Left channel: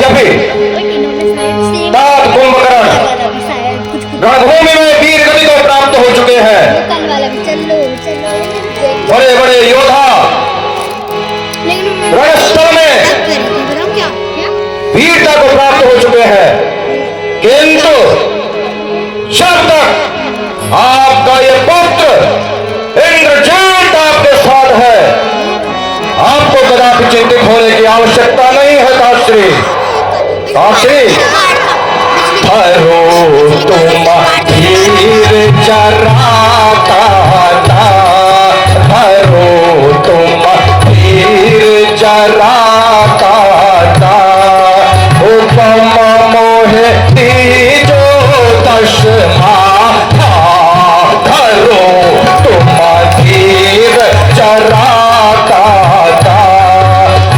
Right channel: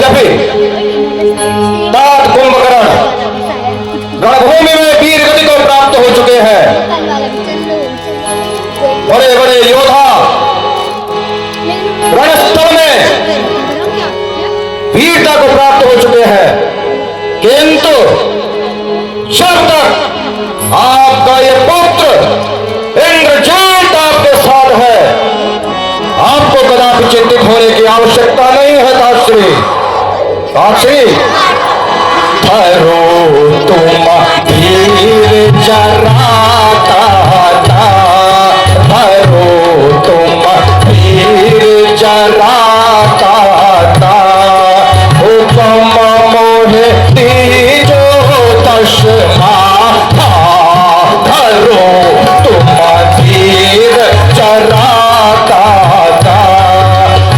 यद्यपि तात कुंभकर्ण रणभूमि में वीर गति को प्राप्त हो चुके हैं, बड़े बड़े योद्धा रणस्थल में वीरता को प्राप्त हो चुके हैं, किंतु जब तक आपका ये पुत्र इंद्रजीत आपके साथ है, आपको कदापि चिंतित होने की आवश्यकता नहीं है। ताश्री ताश्री ठहरो तुम धीर जरा कहता, ठहरो तुम धीर जरा कहता, हुक्म मोहे दीजो दश माथा, ठहरो तुम धीर जरा कहता,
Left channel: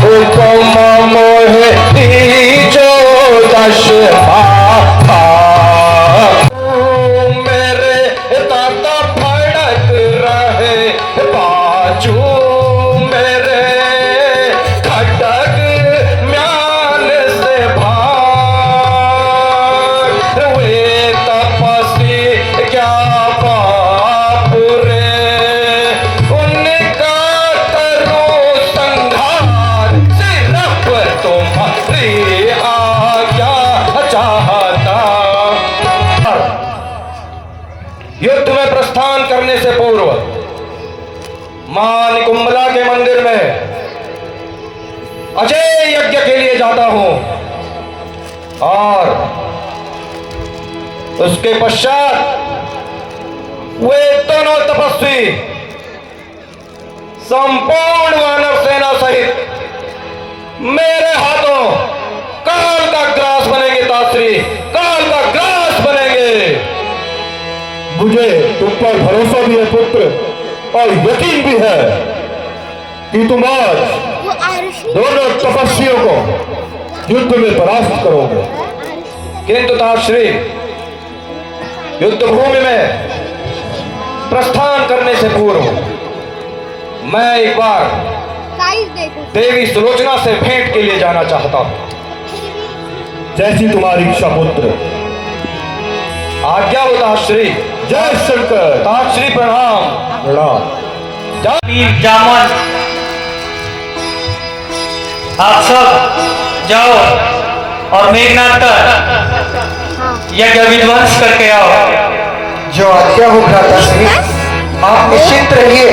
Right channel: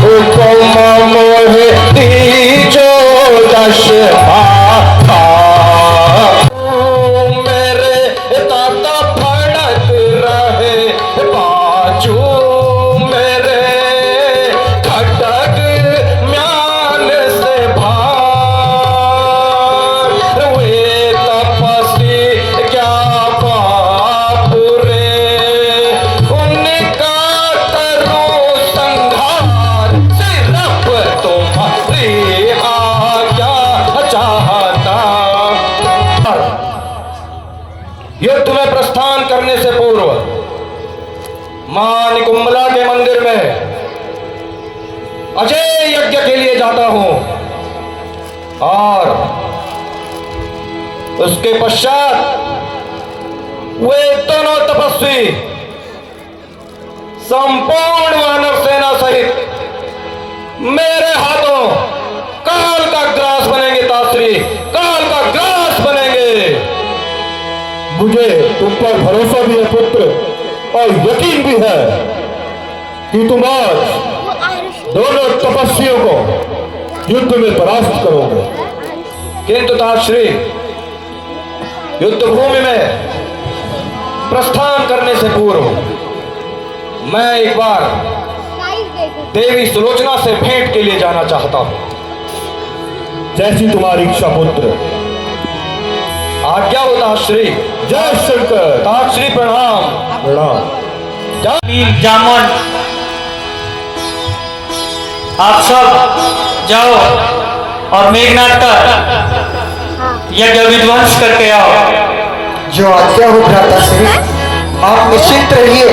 हुक्म मोहे दीजो दश माथा। मेरे दादा फड़क रहे बाजू मेरे, खटक म्यान से भाग हुए तपस्वी क्या पाप रे, उनका करो संहार, सिर्फ तुम्हारी आज्ञा चाहता। युद्ध में प्रस्थान करने से पूर्व मां निकुंभला के मंदिर में अजय यज्ञ के लिए जाता हूं और उसके पश्चात वे दोनों तपस्वी संपूर्ण वानर सेना सहित मेरे हाथों काल का ग्रास बनेंगे। ताश्री काल का ग्रास बनेंगे। मुझे तुम पर भरोसा भी है पुत्र, और यकीन भी है कि तुम आज दोनों तपस्वियों को युद्ध में परास्त करोगे, किंतु ताश्री युद्ध भूमि में प्रस्थान करने से पूर्व मैं एक बार देवी सुलोचना से भेंट के लिए जाना चाहता हूं। जैसी तुम्हारी इच्छा पुत्र। आज्ञा हो ताश्री। जय शंकर। ताश्री प्रणाम। प्रणाम। वीर जामन, आप सब जाओ और मेघनाथ का यज्ञ विध्वंस करके आओ। जो आज्ञा हो भ्राताश्री, आप निश्चिंत रहिए।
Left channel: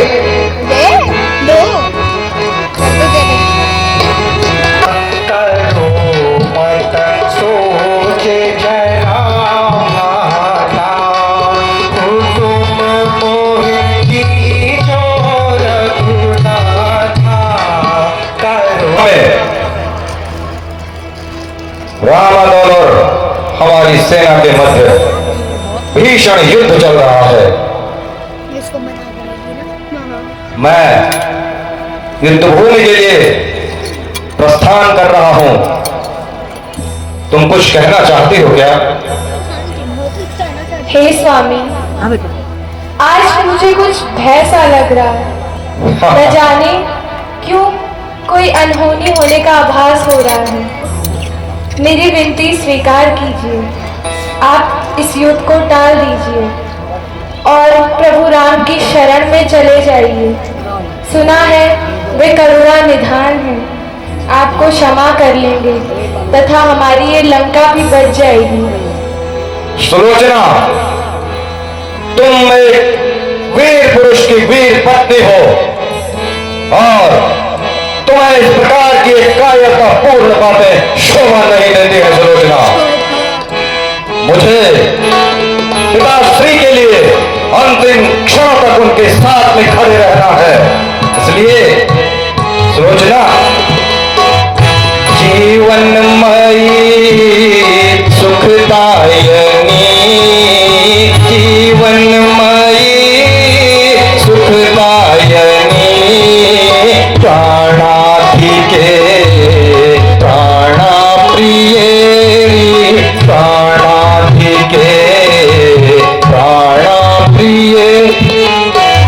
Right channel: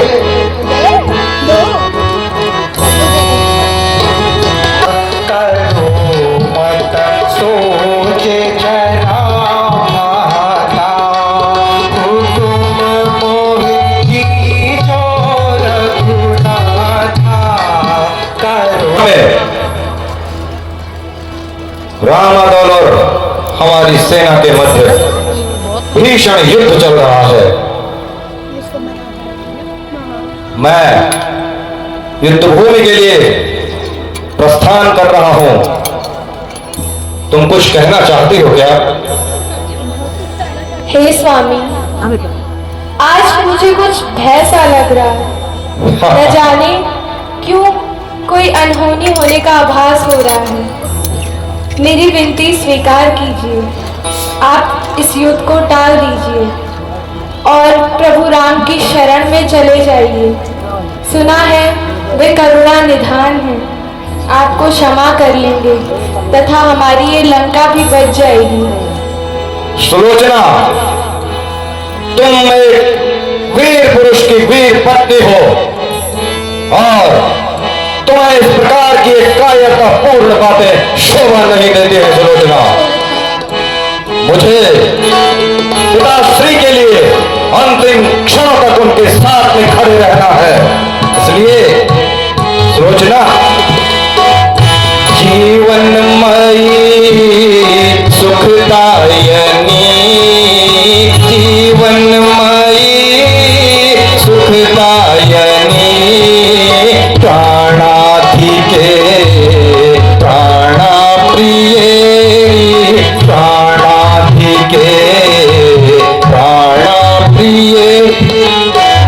रामादल और हमारी सेना के मध्य भीषण युद्ध चल रहा है। मैं युद्ध भूमि के लिए प्रस्थान कर रहा हूं। तुम कुछ कहना चाहती हो क्या? हे स्वामी, आज मुझे कुछ भय सा लग रहा है। न जाने क्यों कोई अनहोनी होने का आभास हो रहा है। मेरी विनती स्वीकार कीजिए, आप इस युद्ध को टाल दीजिए और प्रभु राम की शरण में चले जाइए। सुना है वे करुणा निधान हैं, आपको क्षमा कर लेंगे तथा हमारी ये लंका भी बच जाएगी। सुलोचना, तुम एक वीर पुरुष की वीर पत्नी हो और तुम्हें इस प्रकार की कायरता पूर्ण बातें शोभा नहीं देती है। सुलोचना, मुझे पिताश्री के लिए अंतिम क्षण तक उनके साथ में खड़े रहना है। इसलिए सुलोचना, जीवनमयी सुखदायिनी, जीवनमयी सुखदायिनी, प्राणाधिके प्राणप्रिये, प्राणाधिके प्राणप्रिये,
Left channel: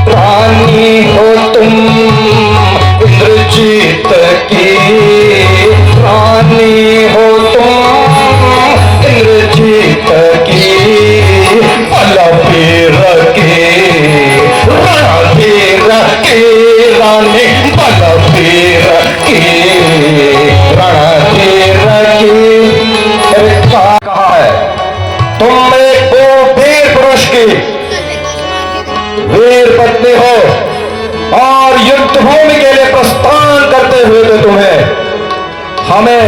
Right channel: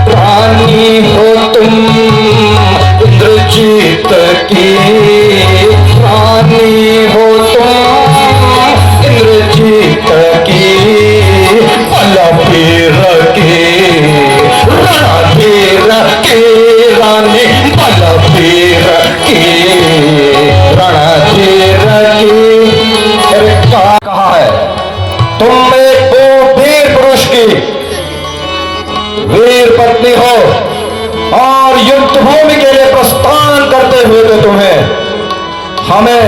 रानी हो तुम इंद्रजीत की, रानी हो तुम युद्ध भूमि के लिए प्रस्थान करते हुए तो तुम्हें हमें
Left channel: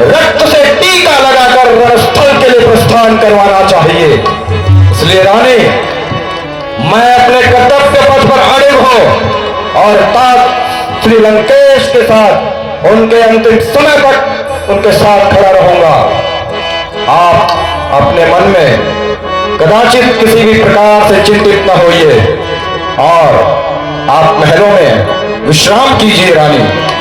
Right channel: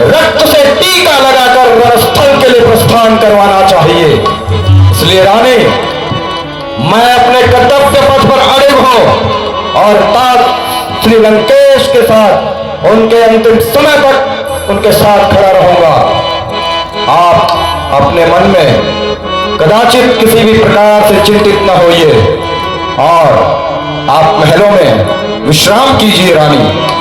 रक्त से टीका लगाकर रणस्थल के लिए प्रस्थान करवाना चाहिए। इसलिए रानी, मैं अपने कर्तव्य पथ पर अड़िग हूं और तात श्री लंकेश के साथ उनके अंतिम समय तक उनके साथ खड़ा रहूंगा। आप अपने मन में कदाचित किसी भी प्रकार से चिंतित न होइए और आप महलों में विश्राम कीजिए रानी।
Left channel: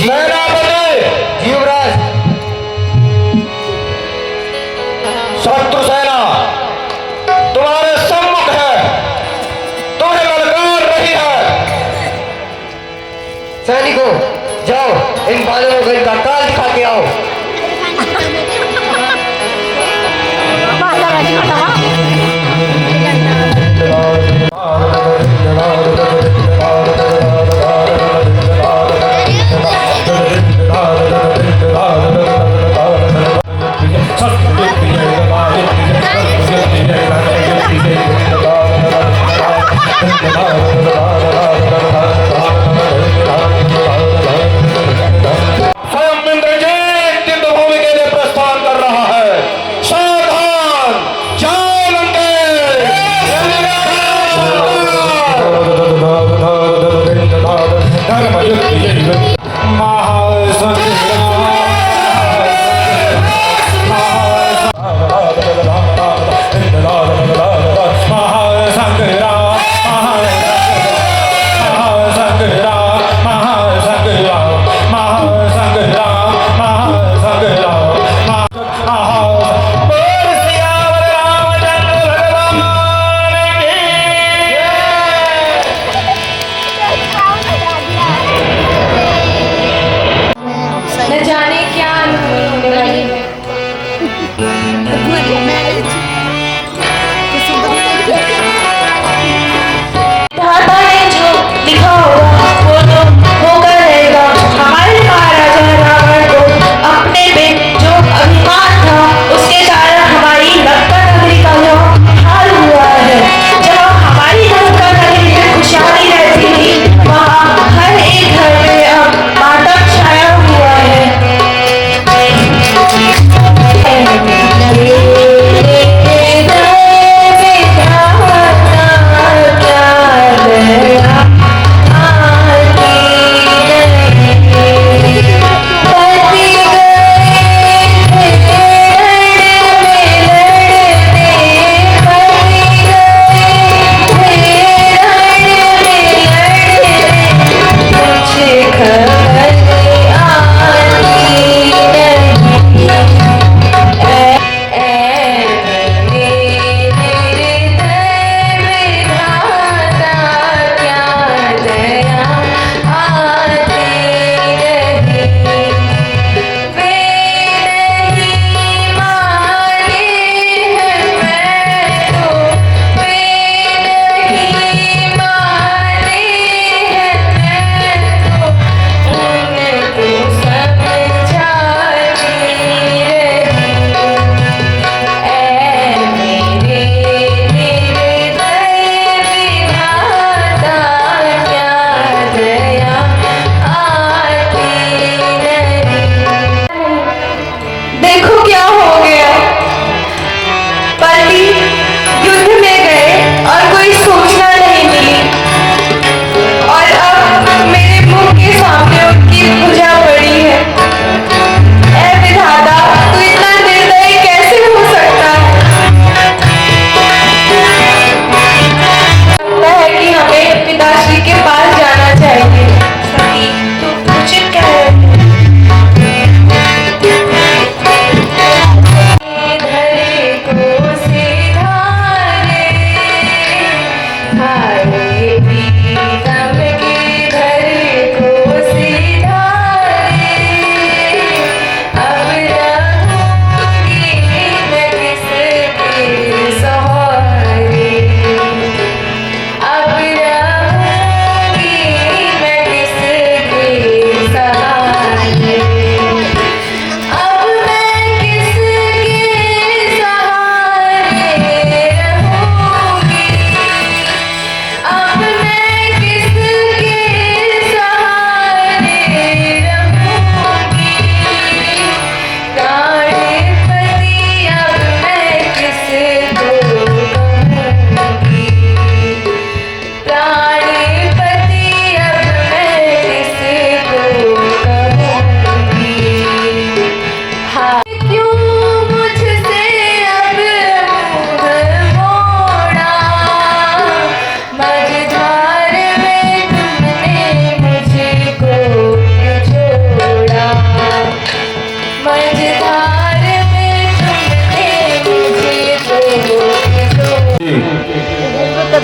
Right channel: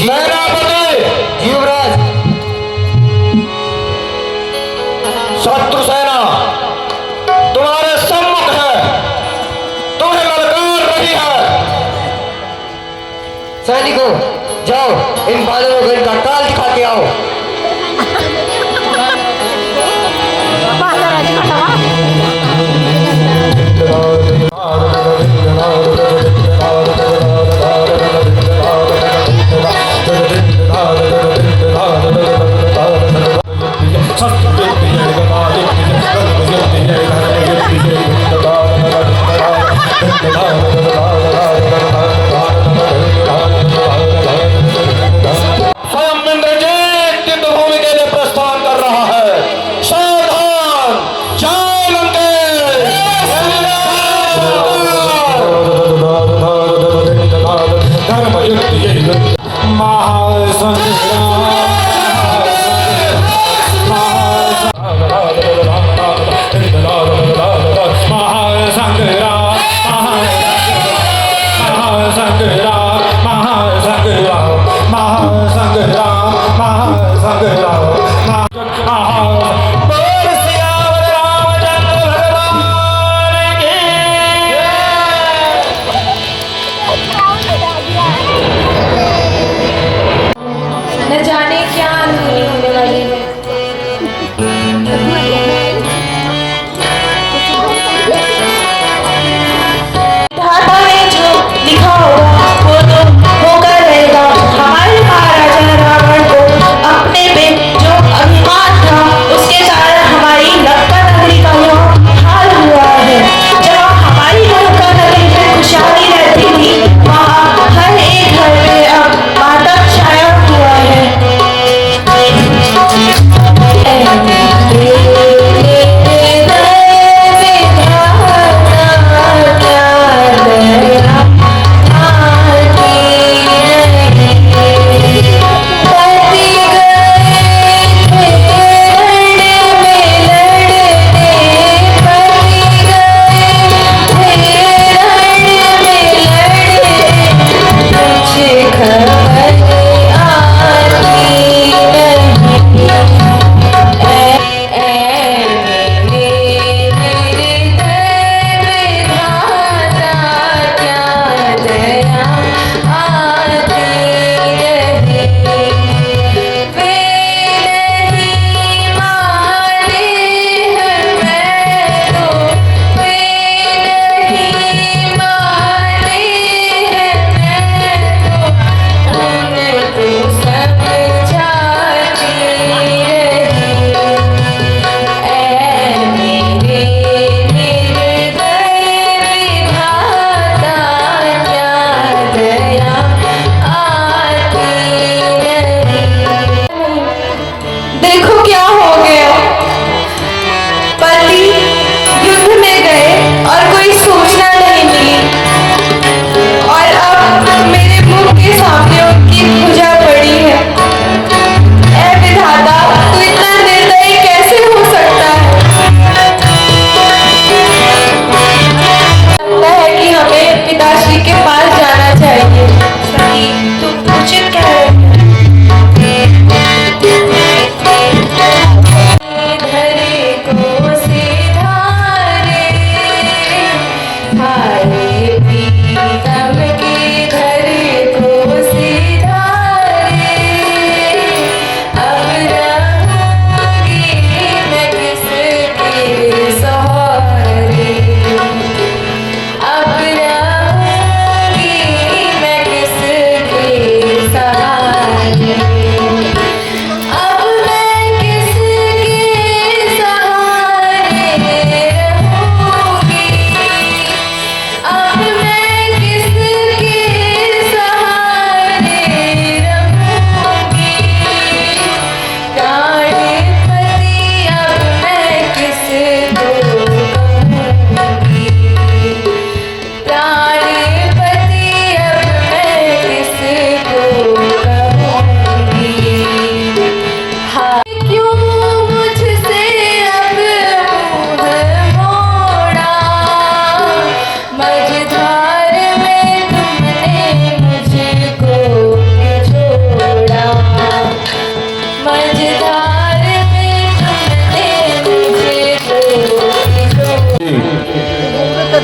सेनापति युवराज, शत्रु सेना तुम्हारे सम्मुख है, तुम्हें ललकार रही है। सैनिकों, जाओ इन बालों को इनका काल दिखा के आओ। स्वयं इंद्रजीत युद्धभूमि के लिए प्रस्थान कर रहा है। सावधान, जाओ लंकेश।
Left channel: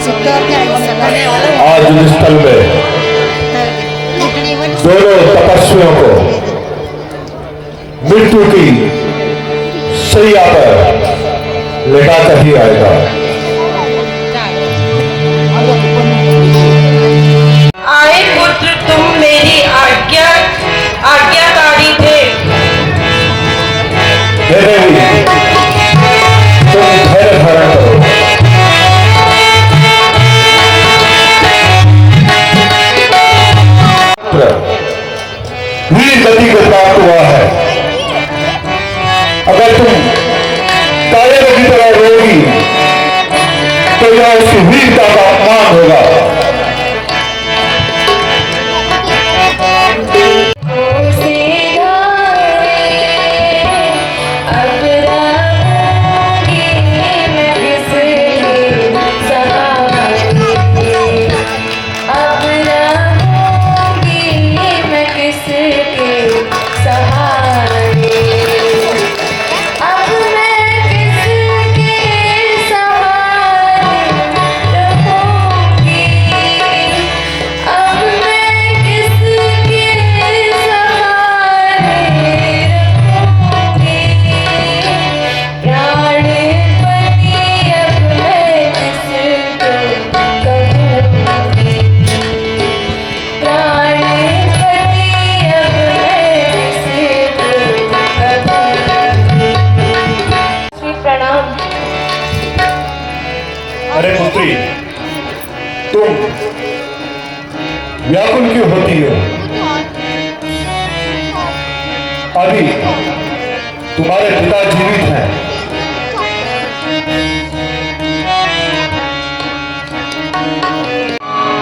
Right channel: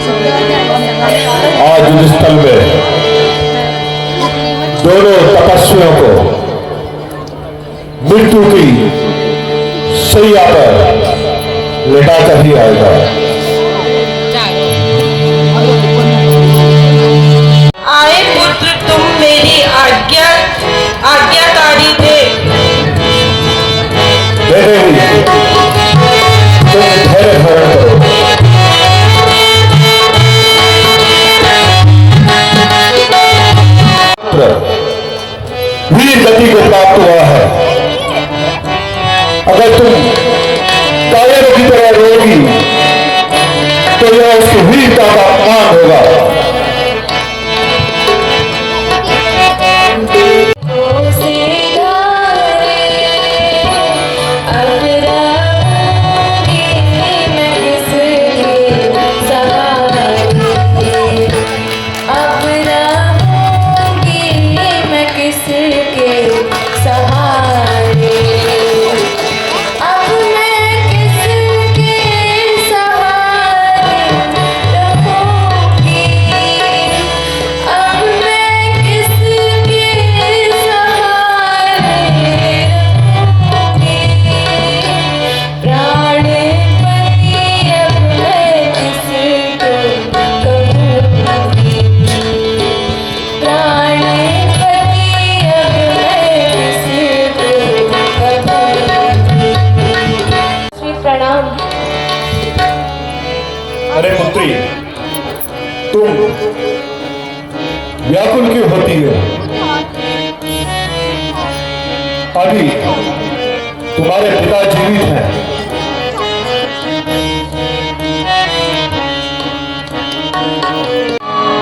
आज इस स्थल में दोनों तपस्वियों को मृत्यु की सैया पर लेटाकर ही आएगा। आए पुत्र, तुम मेरी आज्ञाकारी थे। देवी, तुम धैर्य धारण करो। वीर गति को प्राप्त हुआ है। अगर तुम काले की तरह रोगी तो यह उसकी वीरता का अपमान होगा। अरे पुत्री, तुम व्याकुल क्यों होती हो? अभी तुम्हारे पिता जीवित हैं।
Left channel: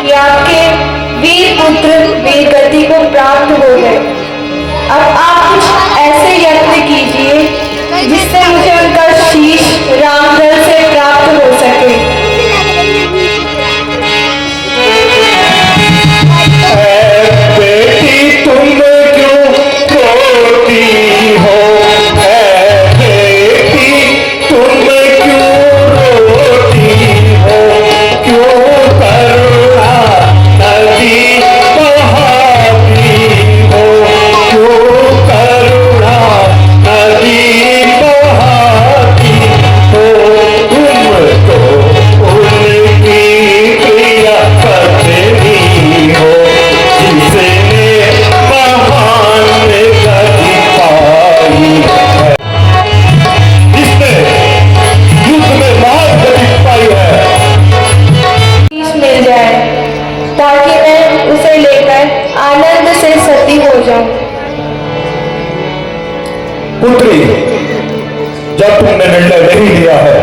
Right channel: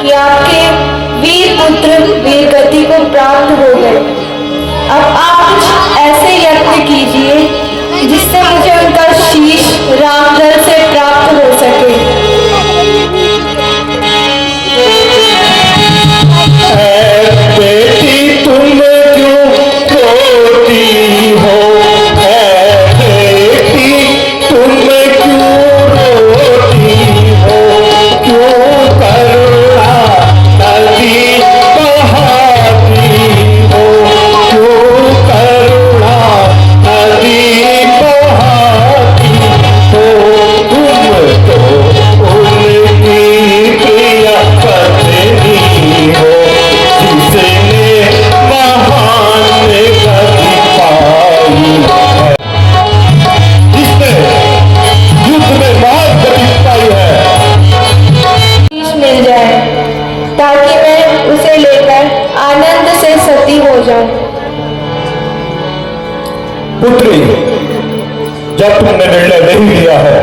कि आपके वीर पुत्र वीर गति को प्राप्त हो गए। अब आप कुछ ऐसे यत्न कीजिए जिससे मुझे उनका शीश रामदल से प्राप्त हो सके। बेटी तुम क्यों रोती हो? बेटी तुम क्यों रोती हो? क्यों करुणा नदी बहाती हो? क्यों करुणा नदी बहाती हो? तुम तो उनकी प्रिय पत्नी हो, जिसने महान गति पाई है, जिसने युद्ध में महान गति पाई है। शीश मिल जाए ताकि मैं उसे लेकर आनंद से सती हो जाऊं। पुत्री, जब तुमने निर्णय नहीं लिया है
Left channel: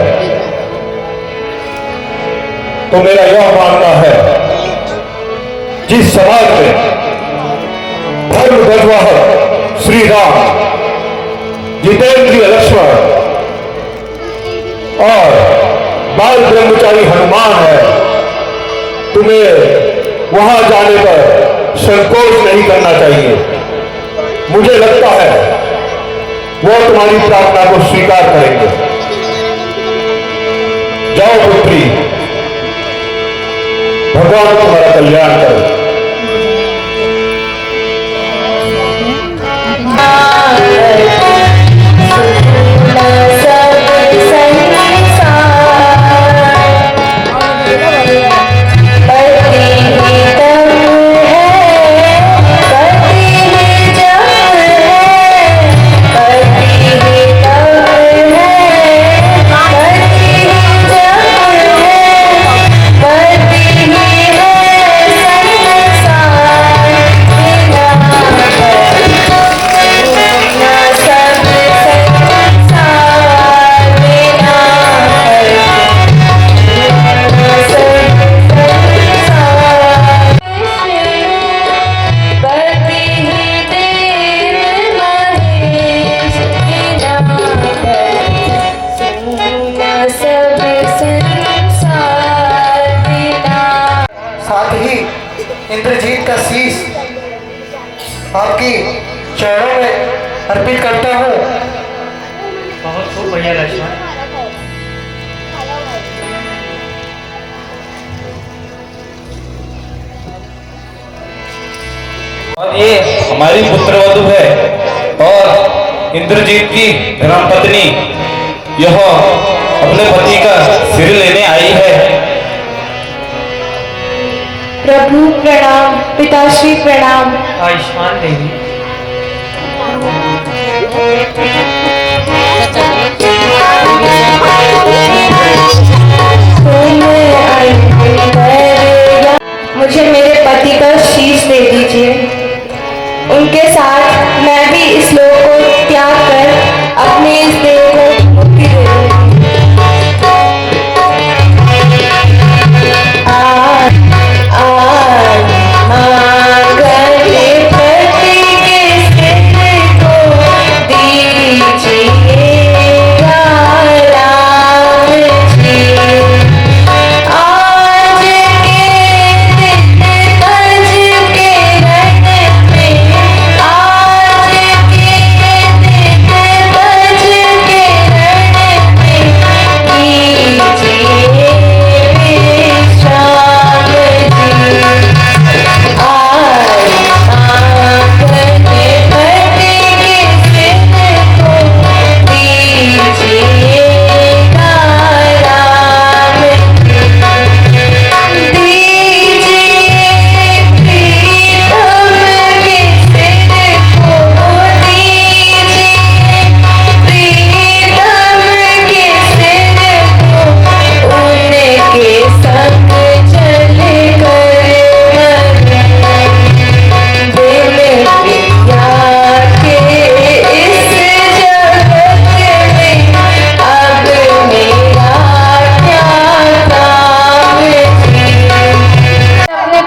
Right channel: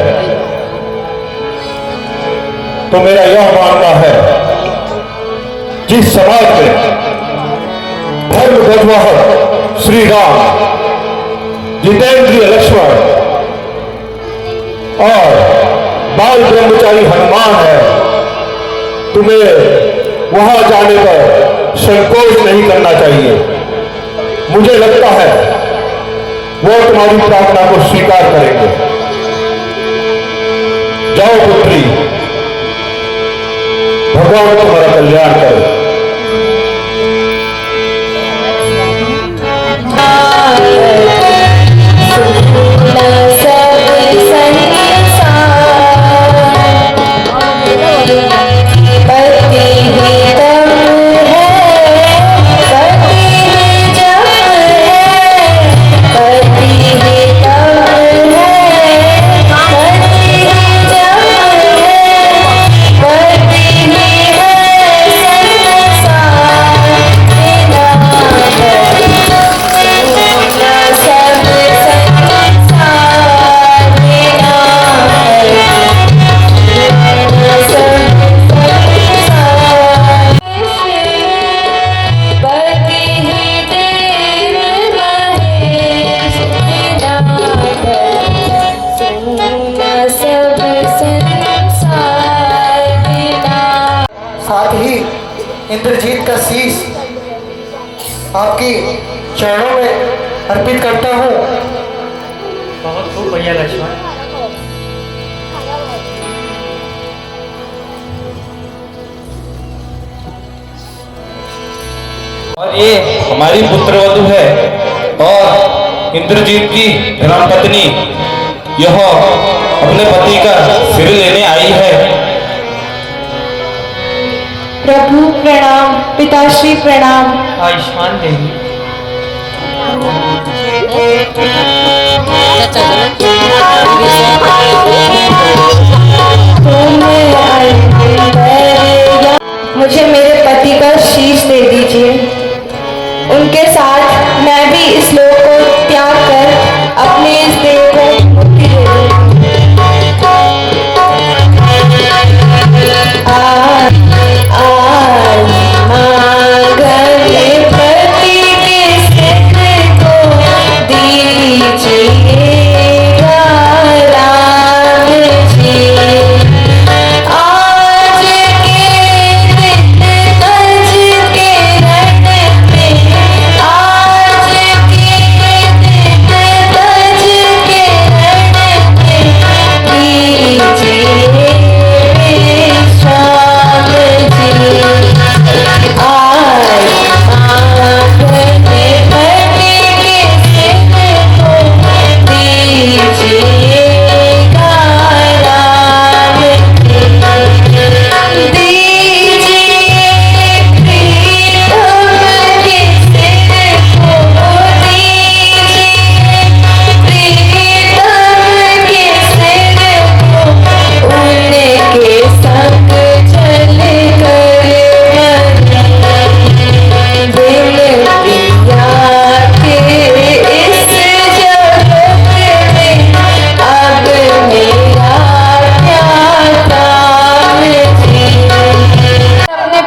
तो मेरा यह मानना है, जिस समाज में धर्म ध्वजवाहक श्री राम, जितेंद्रिय लक्ष्मण और बाल ब्रह्मचारी हनुमान है, तुम्हें वहां जाने पर संकोच नहीं करना चाहिए। मुझे लगता है वो तुम्हारी प्रार्थना को स्वीकार करेंगे। जाओ पुत्री, भगवान तुम्हारा कल्याण करे। साथ ही इंद्रजीत का शीश आपकी चरणों में अर्पित करता हूँ। बहुत खूब बढ़िया लक्ष्मण। और ये हमारी पुत्रवधू है और इंद्रजीत की धर्मपत्नी यह अपने पति का सिर लेने आई है। प्रभु प्रणाम, पिताश्री प्रणाम। आयुष्मान देवी। मुझे मेरे पति का शीश दे दीजिए। उनके साथ मैं भी इस लोक को त्याग कर अपने इस देह को मुक्ति दे दूंगी।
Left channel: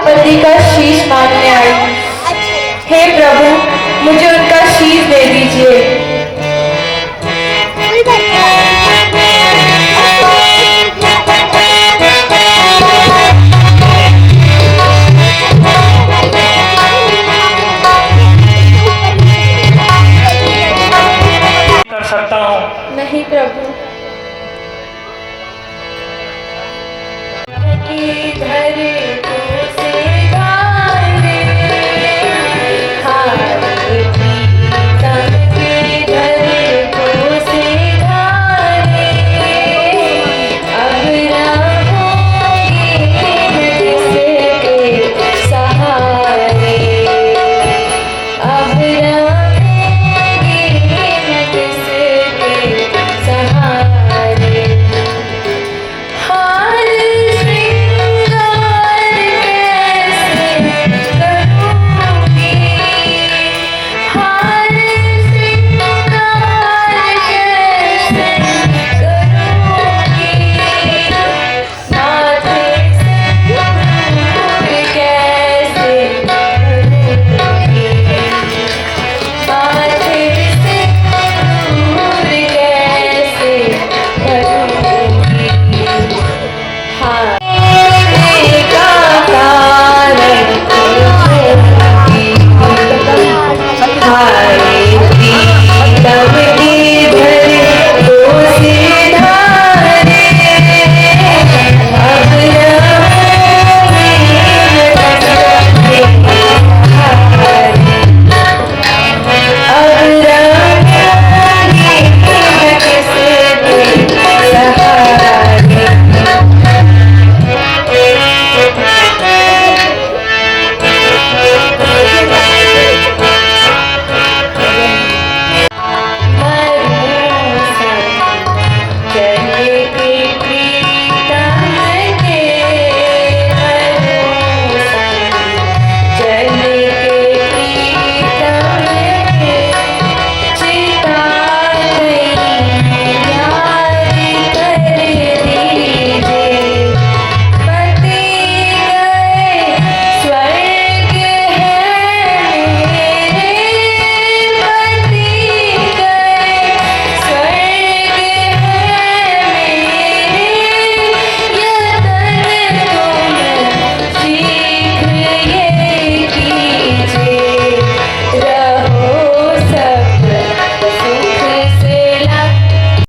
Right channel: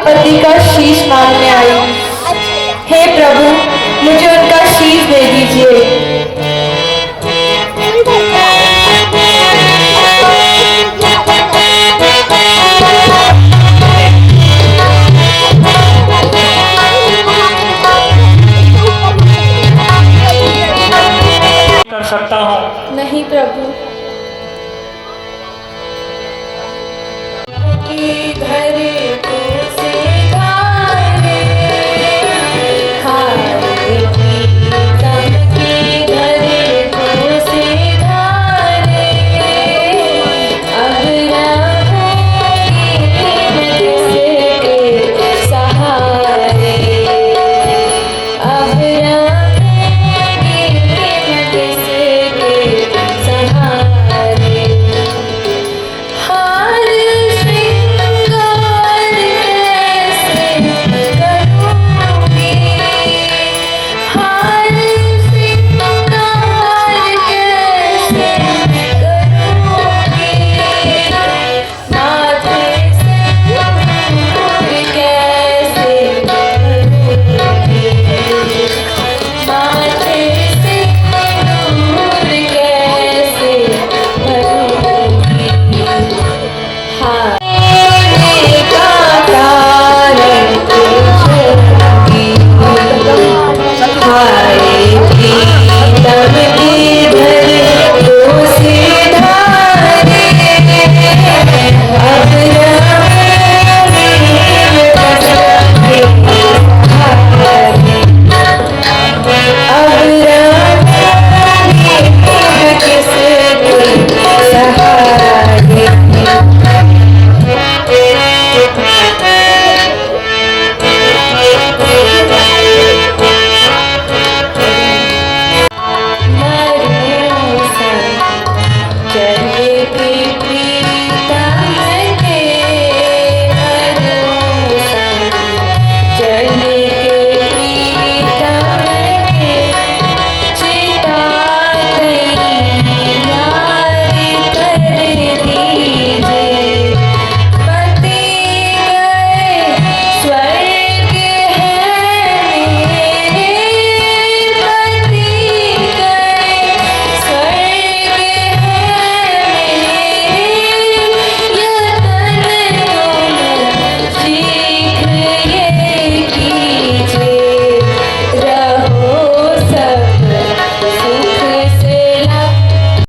पति का शीश मांगने आई। हे प्रभु, मुझे